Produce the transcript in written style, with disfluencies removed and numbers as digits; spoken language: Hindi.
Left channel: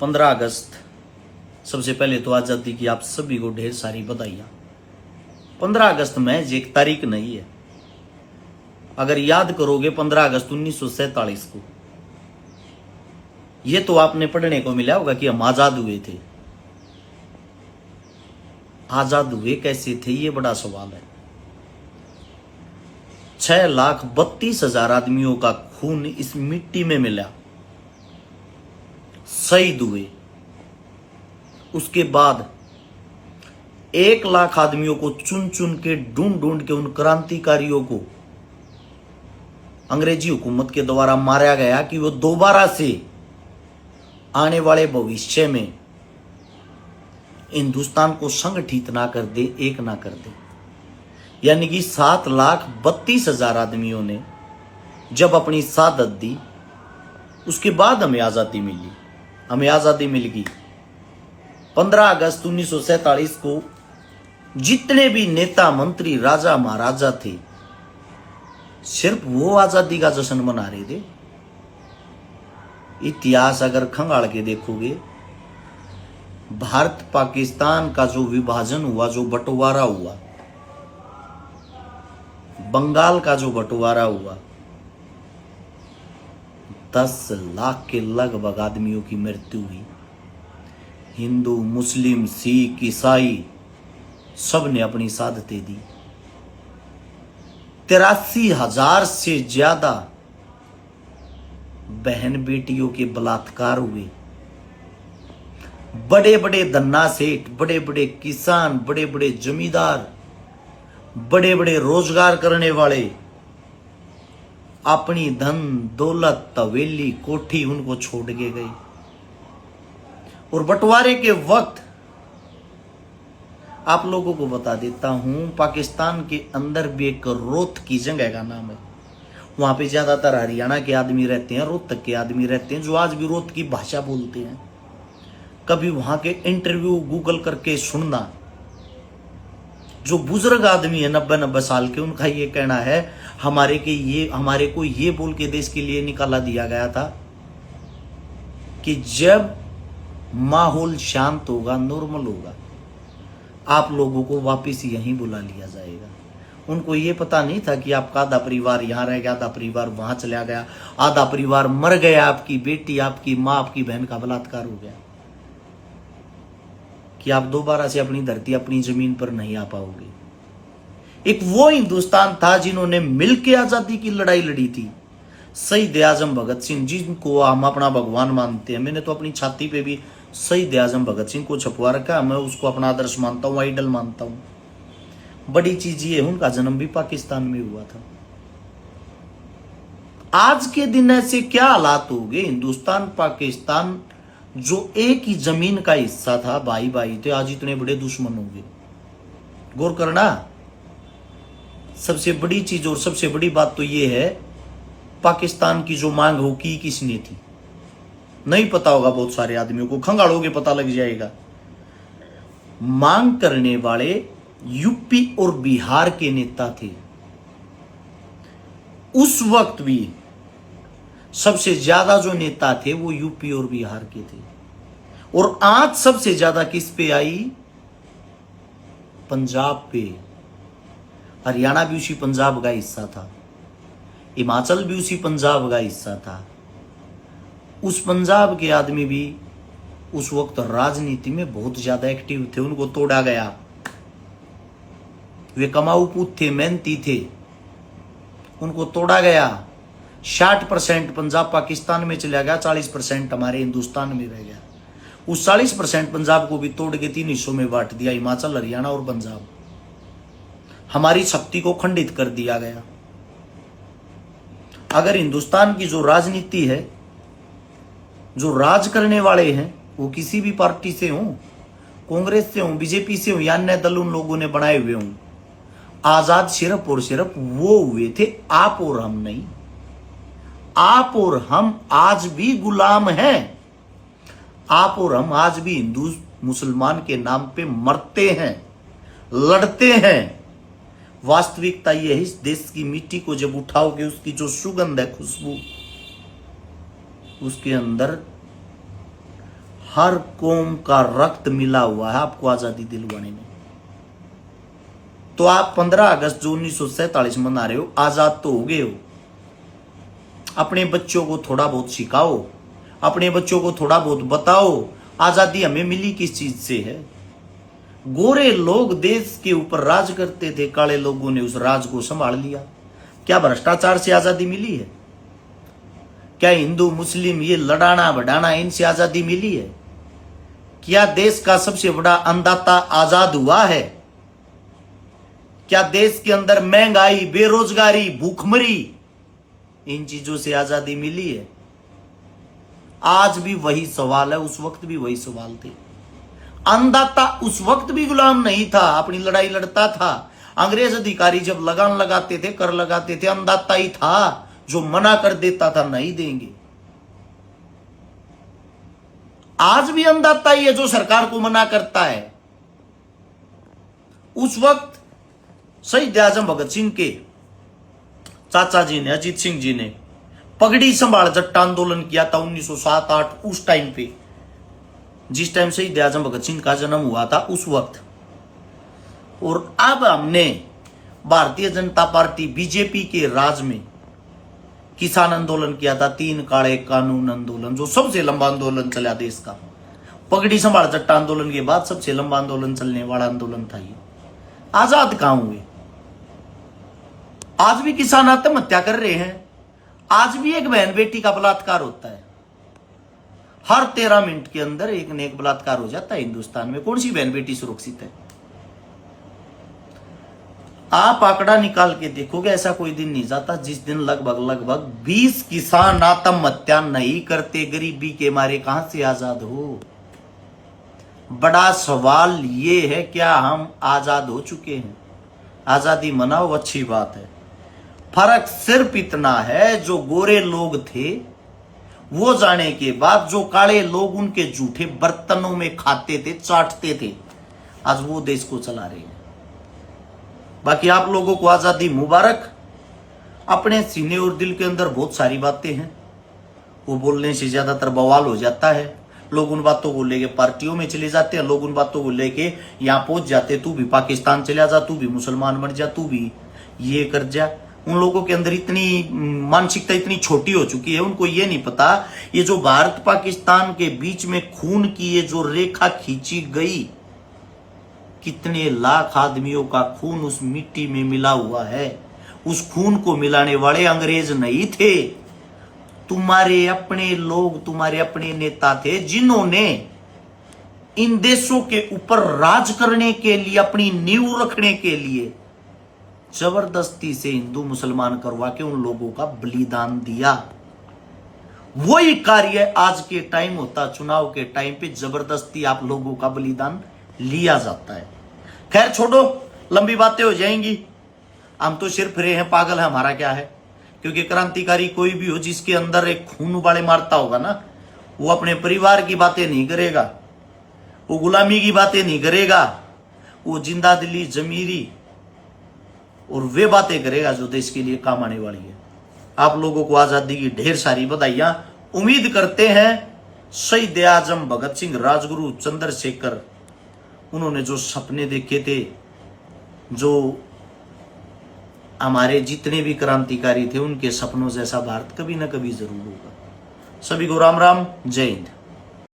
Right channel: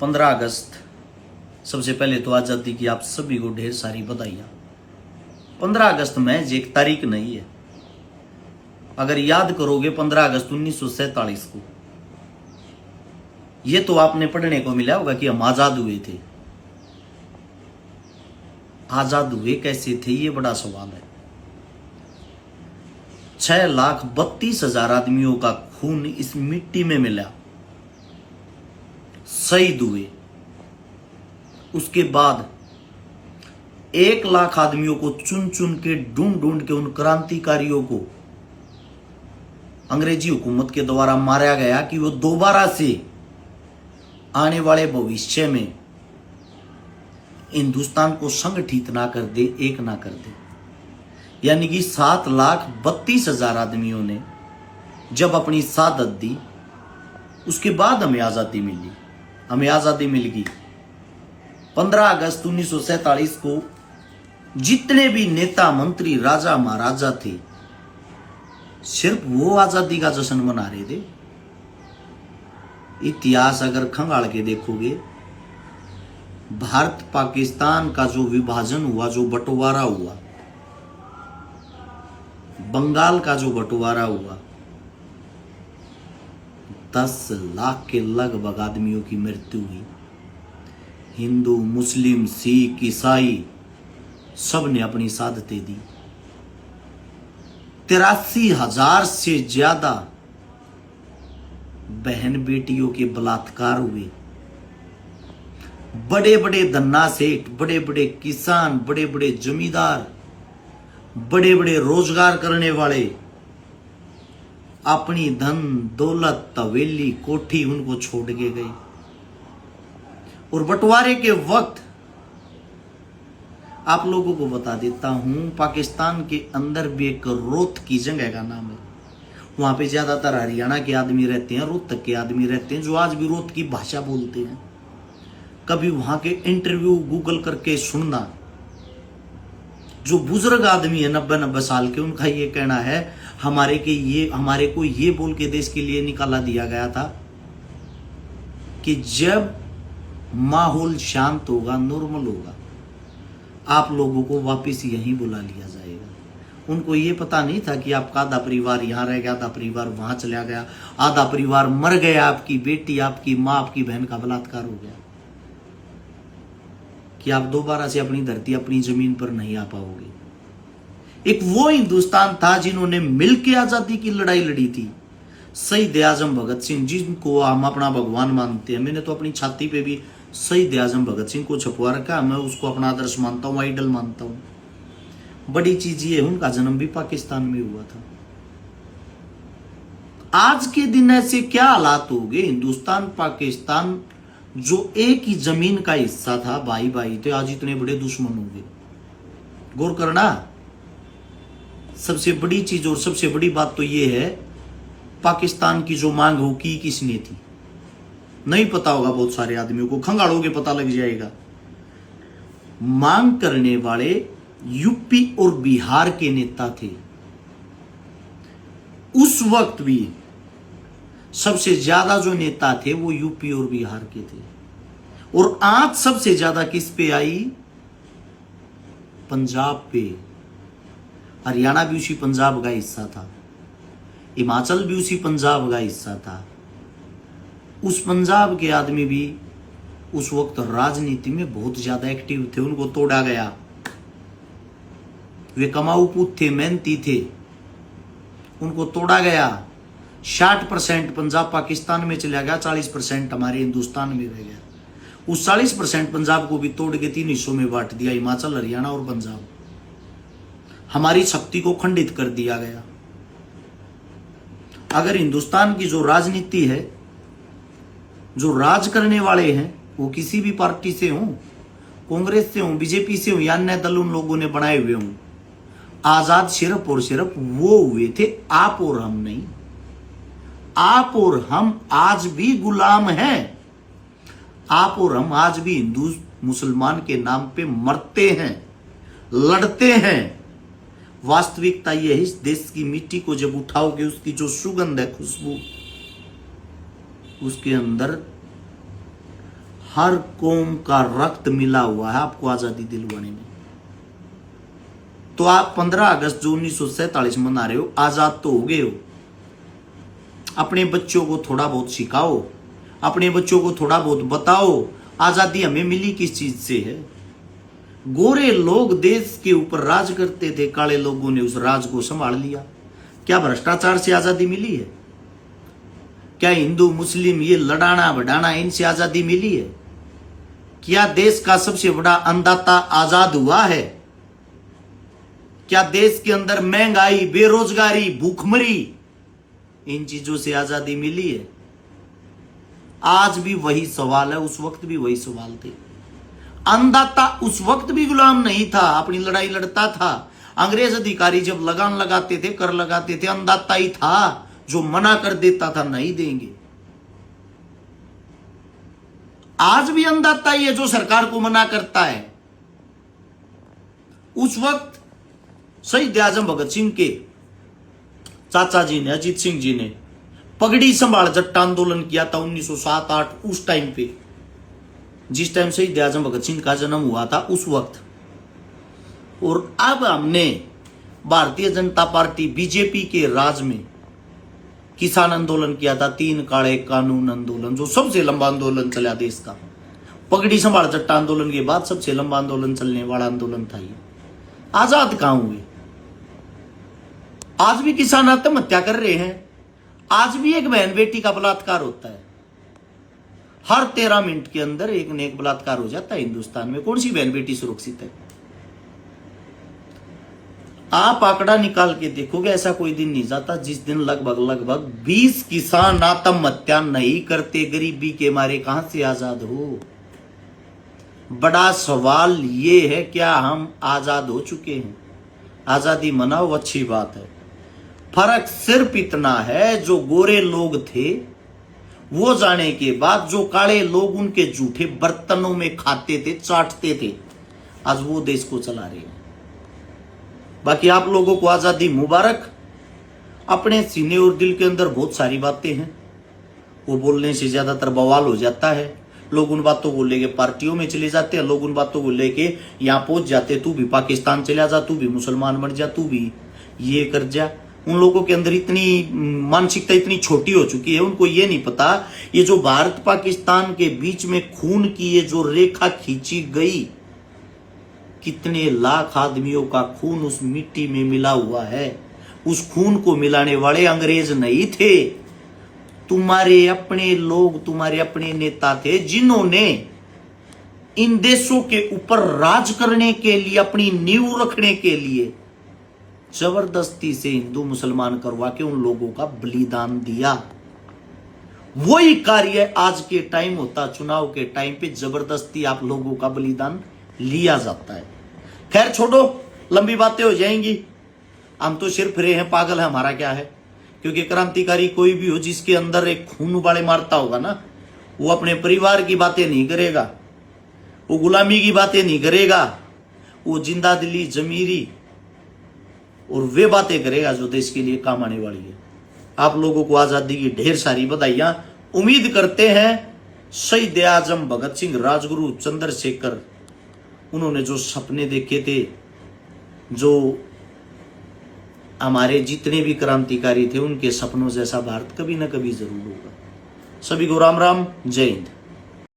15 अगस्त, सबसे पहले तो आज़ादी की आप सभी को ढेर सारी बधाइयाँ। 15 अगस्त महज एक तारीख नहीं है। अगर याद करोगे 15 अगस्त 1947 को, ये तो आपने पढ़ने को मिला होगा कि हम आजाद हुए थे। आजाद हुए कैसे थे, ये बड़ा सवाल है। 6,32,000 आदमियों का खून इस मिट्टी में मिला, शहीद हुए। उसके बाद 1 लाख आदमियों को चुन चुन के ढूंढ ढूंढ के उन क्रांतिकारियों को अंग्रेजी हुकूमत के द्वारा मारा गया कि वो दोबारा से आने वाले भविष्य में हिंदुस्तान को संगठित ना कर दे, एक ना कर दे। यानी कि 7,32,000 आदमियों ने जब अपनी शहादत दी, उसके बाद हमें आजादी मिली। हमें आजादी मिल गई। 15 अगस्त 1947 को जितने भी नेता, मंत्री, राजा, महाराजा थे, सिर्फ वो आजादी का जश्न मना रहे थे। इतिहास अगर खंगाल के देखोगे, भारत पाकिस्तान का जो विभाजन हुआ, जो बंटवारा हुआ, बंगाल का जो बंटवारा हुआ, 10 लाख के लगभग आदमियों की मृत्यु हुई। हिंदू, मुस्लिम, सिख, ईसाई सब ने अपनी शहादतें दी। 83,000 से ज्यादा बहन बेटियों के बलात्कार हुए। बड़े बड़े धन्ना सेठ, बड़े बड़े किसान, बड़े बड़े जमींदार, बड़े बड़े रोजगार करने वाले अपनी धन दौलत, हवेली, कोठी उनको छोड़ के गए। और बंटवारे के वक्त आप लोगों को बता देता हूं, पाकिस्तान के अंदर भी एक रोहतक की जगह का नाम है। वहां पे ज्यादातर हरियाणा के आदमी रहते हैं, रोहतक के आदमी रहते हैं, जो आज भी रोहतक की भाषा बोलते हैं। कभी वहां के इंटरव्यू गूगल करके सुनना। जो बुजुर्ग आदमी है 90-90 साल के, उनका ये कहना है हमारे को ये बोल के देश के लिए निकाला दिया गया था कि जब माहौल शांत होगा, नॉर्मल होगा, आप लोगों को वापस यहीं बुला लिया जाएगा। उनको ये पता नहीं था कि आपका आधा परिवार यहां रह गया, आधा परिवार वहां चला गया, आधा परिवार मर गया, आपकी बेटी, आपकी मां, आपकी बहन का बलात्कार हो गया, कि आप दोबारा से अपनी धरती, अपनी जमीन पर नहीं आ पाओगे। एक वो हिंदुस्तान था जिन्होंने मिलकर आजादी की लड़ाई लड़ी थी। शहीद आजम भगत सिंह, जिनको हम अपना भगवान मानते हैं, मैंने तो अपनी छाती पे भी शहीद आजम भगत सिंह को छपवा रखा। मैं उसको अपना आदर्श मानता हूं, आइडल मानता हूं। बड़ी चीज ये है, उनका जन्म भी पाकिस्तान में हुआ था। आज के दिन ऐसे क्या हालात हो गए, हिंदुस्तान पाकिस्तान जो एक ही जमीन का हिस्सा था, भाई भाई थे, आज इतने बड़े दुश्मन हो गए। गौर करना। सबसे बड़ी चीज और सबसे बड़ी बात तो यह है, पाकिस्तान की जो मांग हो की किसने थी, नहीं पता होगा बहुत सारे आदमियों को। खंगालोगे पता लग जाएगा। मांग करने वाले यूपी और बिहार के नेता थे। उस वक्त भी सबसे ज्यादा जो नेता थे वो यूपी और बिहार के थे। और आज सबसे ज्यादा किस पे आई? पंजाब पे। हरियाणा भी उसी पंजाब का हिस्सा था, हिमाचल भी उसी पंजाब का हिस्सा था। उस पंजाब के आदमी भी उस वक्त राजनीति में बहुत ज्यादा एक्टिव थे। उनको तोड़ा गया। वे कमाऊ पूत थे, मेहनती थे, उनको तोड़ा गया। 60% पंजाब पाकिस्तान में चला गया, 40% हमारे हिंदुस्तान में रह गया। उस 40% पंजाब को भी तोड़ के 3 हिस्सों में बांट दिया, हिमाचल, हरियाणा और पंजाब। हमारी शक्ति को खंडित कर दिया गया। अगर हिंदुस्तान की जो राजनीति है, जो राज करने वाले हैं, वो किसी भी पार्टी से हों, कांग्रेस से हों, बीजेपी से हों या अन्य दल उन लोगों ने बनाए हुए हों, आजाद सिर्फ और सिर्फ वो हुए थे, आप और हम नहीं। आप और हम आज भी गुलाम हैं। आप और हम आज भी हिंदू मुसलमान के नाम पे मरते हैं, लड़ते हैं। वास्तविकता यह है, इस देश की मिट्टी को जब उठाओगे, उसकी जो सुगंध है, खुशबू, उसके अंदर हर कौम का रक्त मिला हुआ है आपको आजादी दिलवाने में। तो आप 15 अगस्त जो 1947 मना रहे हो, आजाद तो हो गए हो। अपने बच्चों को थोड़ा बहुत सिखाओ, अपने बच्चों को थोड़ा बहुत बताओ आजादी हमें मिली किस चीज से है। गोरे लोग देश के ऊपर राज करते थे, काले लोगों ने उस राज को संभाल लिया। क्या भ्रष्टाचार से आजादी मिली है? क्या हिंदू मुस्लिम ये लड़ाना बढ़ाना इनसे आजादी मिली है? क्या देश का सबसे बड़ा अन्नदाता आजाद हुआ है? क्या देश के अंदर महंगाई, बेरोजगारी, भूखमरी, इन चीजों से आजादी मिली है? आज भी वही सवाल है, उस वक्त भी वही सवाल थे। अन्नदाता उस वक्त भी गुलाम नहीं था, अपनी लड़ाई लड़ता था। अंग्रेज अधिकारी जब लगान लगाते थे, कर लगाते थे, अन्नदाता ही था जो मना कर देता था नहीं देंगे। आज भी अन्नदाता ही है जो सरकार को मना करता है। उस वक्त शहीद आजम भगत सिंह के चाचा जी ने, अजीत सिंह जी ने पगड़ी संभाल जट्टा आंदोलन किया था 1907-8, उस टाइम पे, जिस टाइम शहीद आजम भगत सिंह का जन्म हुआ था उस वक्त। और अब हमने भारतीय जनता पार्टी बीजेपी के राज में किसान आंदोलन किया था, 3 काले कानून आंदोलन, जो सबसे लंबा आंदोलन चला देश का। पगड़ी संभाल जट्टा आंदोलन के बाद सबसे लंबा आंदोलन चलने वाला आंदोलन था ये। आजाद कहां हुए? आज भी किसान आत्महत्या कर रहे हैं। आज भी एक बहन बेटी का बलात्कार होता है। हर 13 मिनट के अंदर एक न एक बलात्कार हो जाता है हिंदुस्तान में। कौन सी बहन बेटी सुरक्षित है? आप आंकड़ा निकाल के देखोगे, ऐसा कोई दिन नहीं जाता जिस दिन लगभग 20 किसान आत्महत्या नहीं करते। गरीबी के मारे कहां से आजाद हो? बड़ा सवाल ये है, क्या हम आजाद हो चुके हैं? आजादी मनाओ, अच्छी बात है। फर्क सिर्फ इतना है, जो गोरे लोग थे वो जाने के बाद जो काले लोग उनके जूठे बर्तनों में खाते थे, चाटते थे, आज वो देश को चला रहे हैं। बाकी आप लोगों को आजादी मुबारक। अपने सीने और दिल के अंदर बहुत सारी बातें हैं, वो बोलने से ज्यादातर बवाल हो जाता है। लोग उन बातों को लेके पार्टियों में चले जाते हैं, लोग उन बातों को लेके यहां पहुंच जाते, तू भी पाकिस्तान चला जा, तू भी मुसलमान बन जा, तू भी ये कर जा। उन लोगों के अंदर इतनी मानसिकता इतनी छोटी हो चुकी है, उनको ये नहीं पता ये जो भारत पाकिस्तान के बीच में खून की ये जो रेखा खींची गई, कितने लाख आदमियों का खून उस मिट्टी में मिला हुआ है। उस खून को मिलाने वाले अंग्रेज नहीं थे, तुम्हारे अपने लोग, तुम्हारे अपने नेता थे, जिन्होंने इन देशों के ऊपर राज करने के लिए, अपनी नींव रखने के लिए जबरदस्ती से हिंदू मुसलमान करवा के उन लोगों का बलिदान दिया। वही कार्य आज के टाइम होता, चुनाव के टाइम पे जबरदस्ती आप लोगों का बलिदान लिया जाता है। खैर छोड़ो, लंबी बातें हो जाएंगी। हम तो सिर्फ रहे हैं, पागल है, हमारा क्या है। क्योंकि क्रांतिकारी कोई भी हो जिसके अंदर एक खून उबाले मारता होगा ना, वो अपने परिवार की बातें नहीं करेगा, वो गुलामी की बातें नहीं करेगा, वो जिंदा दिली, जमीरी और वे बातें करेगा जो देश के लिए काम आने वाली है। आप लोगों को आजादी की ढेर सारी बधाइयां। उम्मीद करते हैं शहीद आजम भगत सिंह, राजगुरु चंद्रशेखर, उन्होंने जो सपने देखे थे, जो हमारे जितने भी क्रांतिकारी थे, उनके सपनों जैसा भारत कभी ना कभी जरूर होगा। सभी को राम राम, जय हिंद।